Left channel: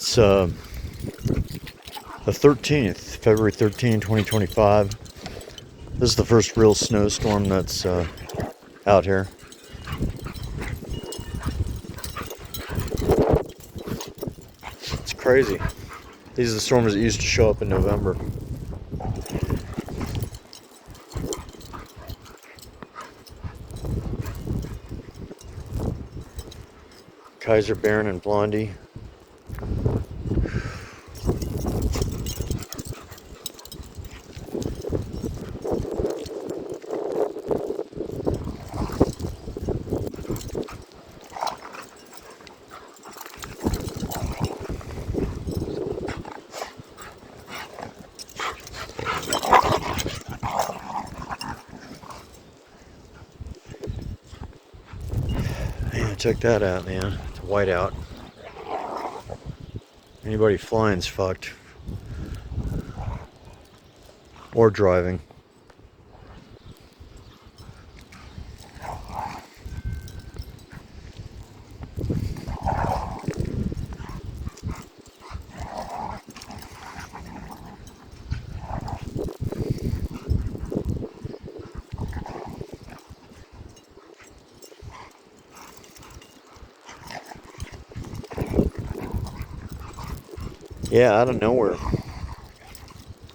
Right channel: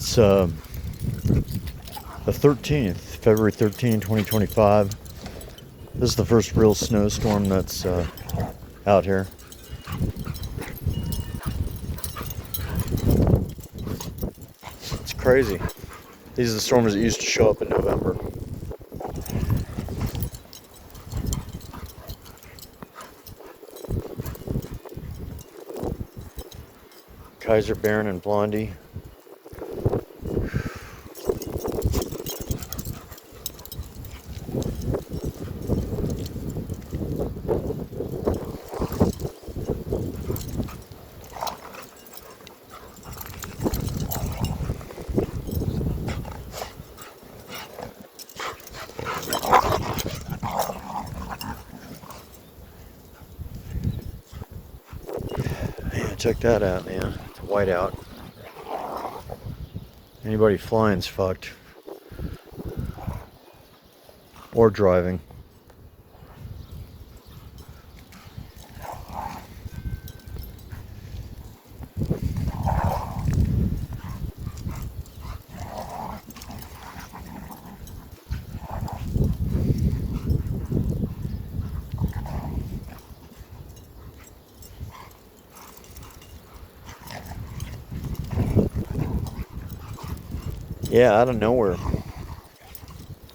It's the 13th, February 13, 2025. This is the first real snowstorm that's out here. It's crazy. These are the storms that used to show up in November. Kaiser, Baron, and Blondie. Man, check that out, man. It's a whiteout. Anybody flying's fucked. Or driving. Yeah, out of nowhere.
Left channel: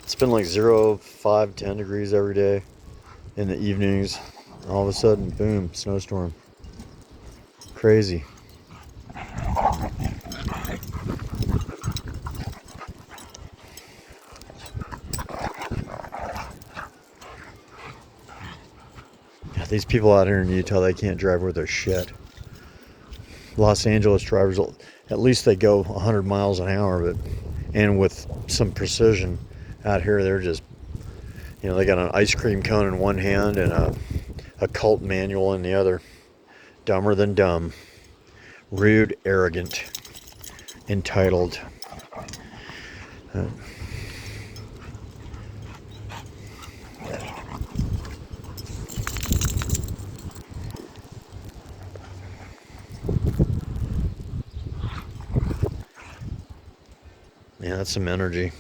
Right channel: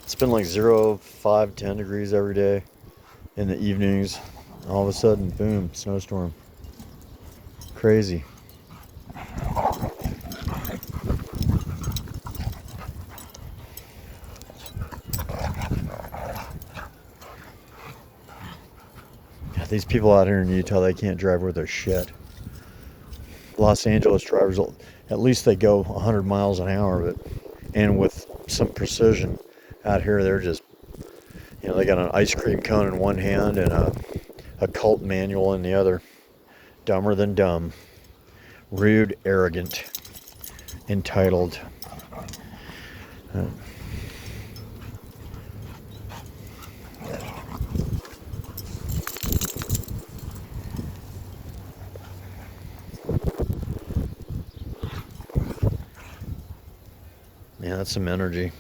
It's been like 0, 5, 10 degrees every day in the evenings. All of a sudden, boom, snowstorm. Crazy. Yeah, these people out here in Utah, they can't drive worth their shit. Los Angeles drivers, at least they go 100 miles an hour, but and with some precision. Out here, they're just, they got an ice cream cone in one hand and a cult manual in the other. Dumber than dumb. Rude, arrogant, entitled. Yeah, that's some energy.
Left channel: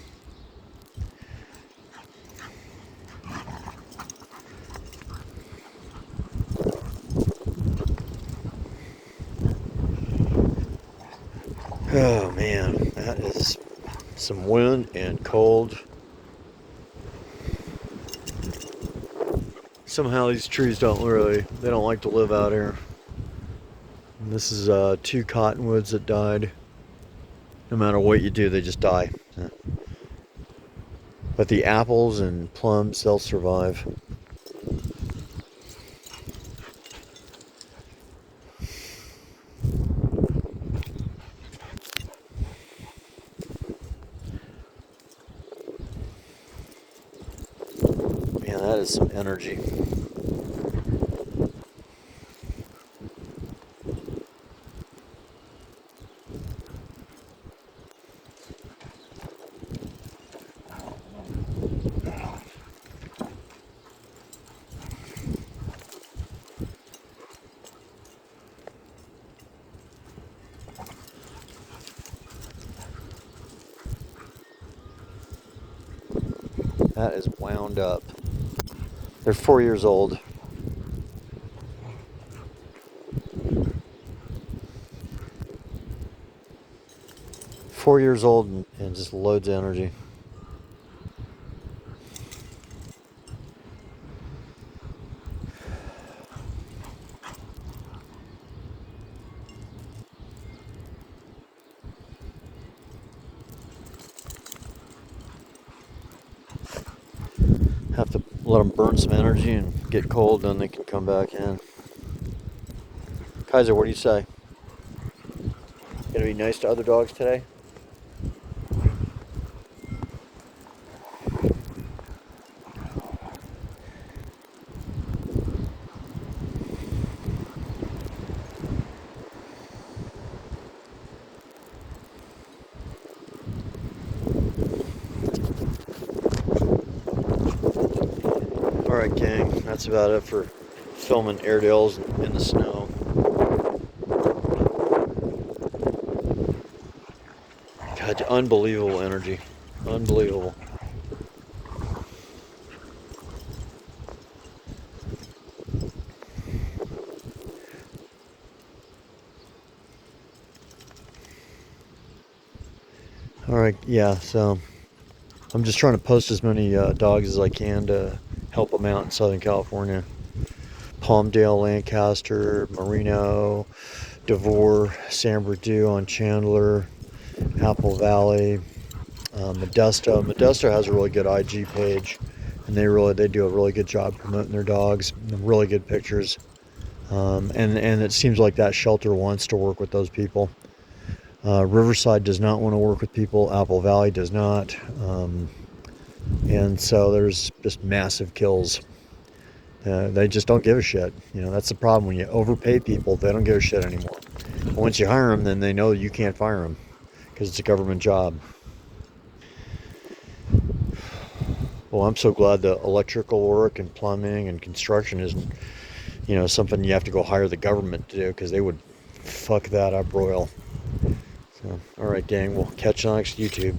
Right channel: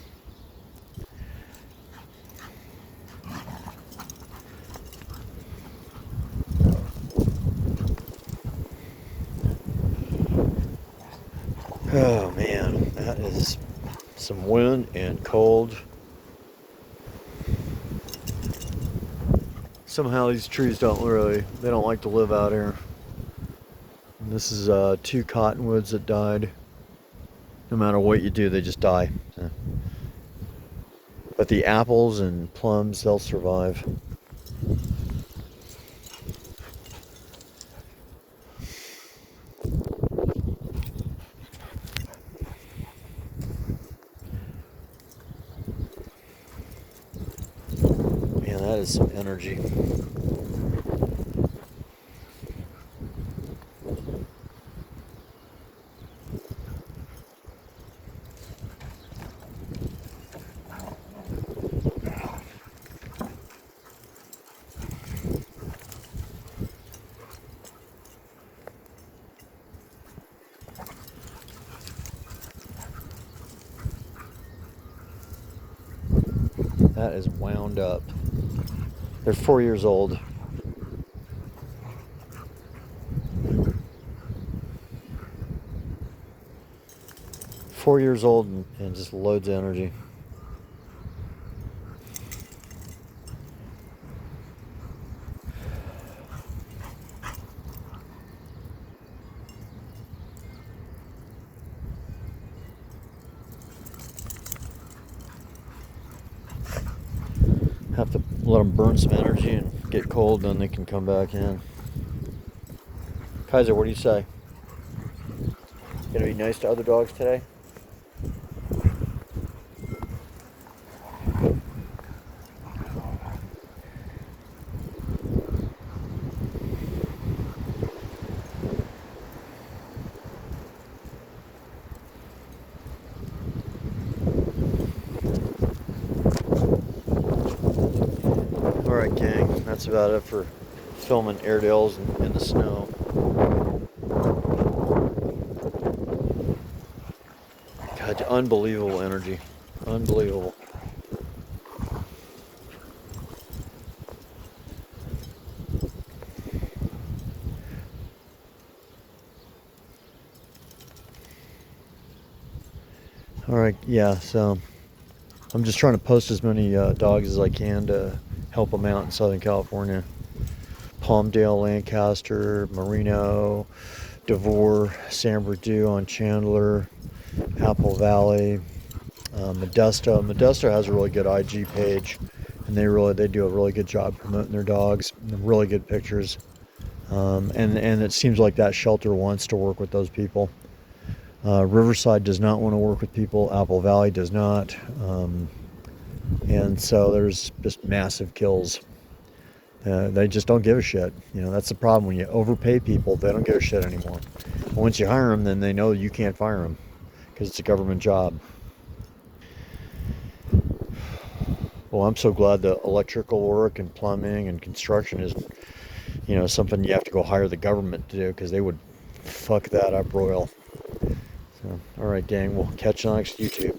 Oh man, that is some wind and cold. Somehow these trees they don't like to live out here. And this is 2 cottonwoods that died. No matter what you do, they just die. But the apples and plums, they'll survive. Man, that is some energy. That is wound up. They're 4 years old. Four years old and just loads of energy. Have to let them burn some energy and get cold, then they can come back in. Kaiser, what do you say? Gonna be nice to other dogs today? Alright, gang, that's about it for filming airedales in the snow. Unbelievable energy. Unbelievable. All right, yeah, so I'm just trying to post as many dogs as I can to help them out in Southern California. Palmdale, Lancaster, Merino, Devore, San Bernardino on Chandler, Apple Valley, Modesto. Modesto has a really good IG page, and they do a really good job promoting their dogs. Really good pictures, and it seems like that shelter wants to work with those people. Riverside does not want to work with people. Apple Valley does not, and so there's just massive kills. They just don't give a shit. You know, that's the problem. When you overpay people, they don't give a shit anymore. Once you hire them, then they know you can't fire them because it's a government job. Well, I'm so glad the electrical work and plumbing and construction isn't, something you have to go hire the government to do because they would fuck that up royal. So, all right, gang, we'll catch you on next YouTube.